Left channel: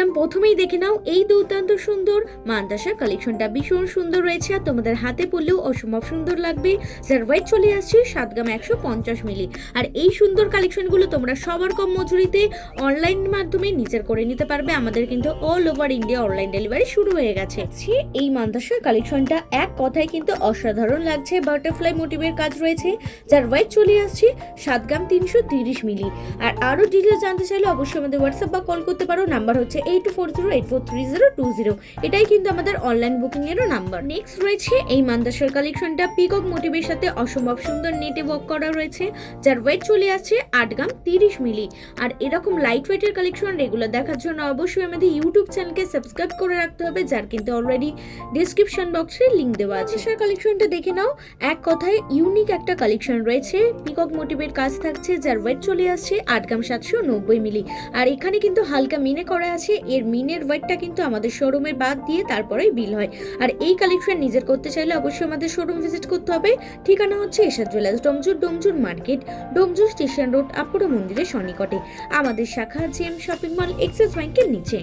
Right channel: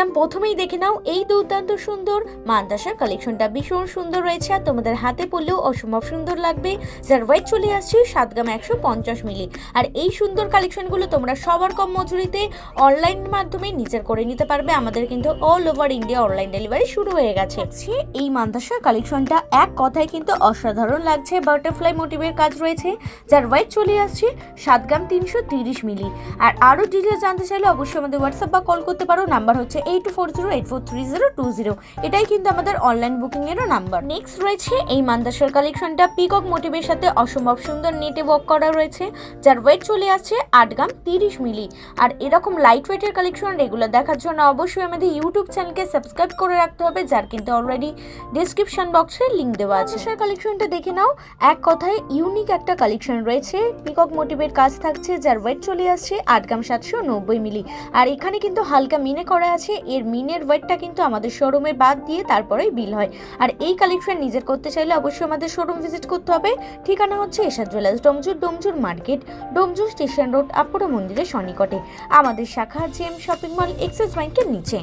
একদম প্রথমেই দেখে নাও এই দুর্দান্ত সুন্দর মান্দাসার কালেকশনটা ভীষণ সুন্দর রয়েছে আর তোমাদের হাতে পড়লেও অসম্ভব সুন্দর লাগবে। যার ওয়েট চলে আসছে 7 গ্রাম 150 মিলি। আর এই সুন্দর কালেকশনগুলো তোমরা সবার কম মজুরিতে অনলাইন মাধ্যমে নিজের করে নিতে পারবে। আমাদের কিন্তু all over India online delivery শুরু হয়ে গেছে। এই মান্দাসার কালেকশনটা এক কথায় কিন্তু অসাধারণ লাগছে। বাটারফ্লাই মোটিভের কাজ রয়েছে, যার ওয়েট চলে আসছে 7 গ্রাম 330 মিলি। আর আরও ডিটেলস জানতে চাইলে অবশ্যই আমাদের হোয়াটসঅ্যাপ বা কল করতে পারো। নাম্বার হচ্ছে 8240843020। এটাই কিন্তু আমাদের অনলাইন বুকিং এরও নাম্বার। নেক্সট রয়েছে এই মান্দাসার কালেকশনটা পিকক মোটিভের সাথে অসম্ভব সুন্দর নেটে ওয়ার্ক করা রয়েছে, যার ওয়েট চলে আসছে 8 গ্রাম 30 মিলি। আর এরকম লাইট ওয়েটের কালেকশন রেগুলার দেখার জন্য অবশ্যই আমাদের ইউটিউব চ্যানেলকে সাবস্ক্রাইব করে রাখতে হবে, যার কিন্তু অলরেডি ডিসক্রিপশন বক্সে লিঙ্ক দেওয়া আছে। সেই কালেকশনটা দেখে নাও, এক কথায় ইউনিক একটা কালেকশন রয়েছে। পিকক মোটিভের কাজ থাকছে, যার ওয়েট চলে আসছে 8 গ্রাম 790 মিলি। আর এখানে কিন্তু হালকা মিনে করা আছে। এর মিনের ওয়েটটা কিন্তু আমাদের শোরুমে বাদ দিয়ে তারপরেই বিল হয়। আর এই কালেকশন নিজের করতে চাইলে অবশ্যই আমাদের শোরুম ভিজিট করতে হবে। ঠিকানা হচ্ছে Ershad jewellers, Domjur market, Domjur station road, Apura মন্দিরের সন্নিকটে। আমাদের শাখা জেম শপিং মল, এক্সিস ব্যাংকের নিচে।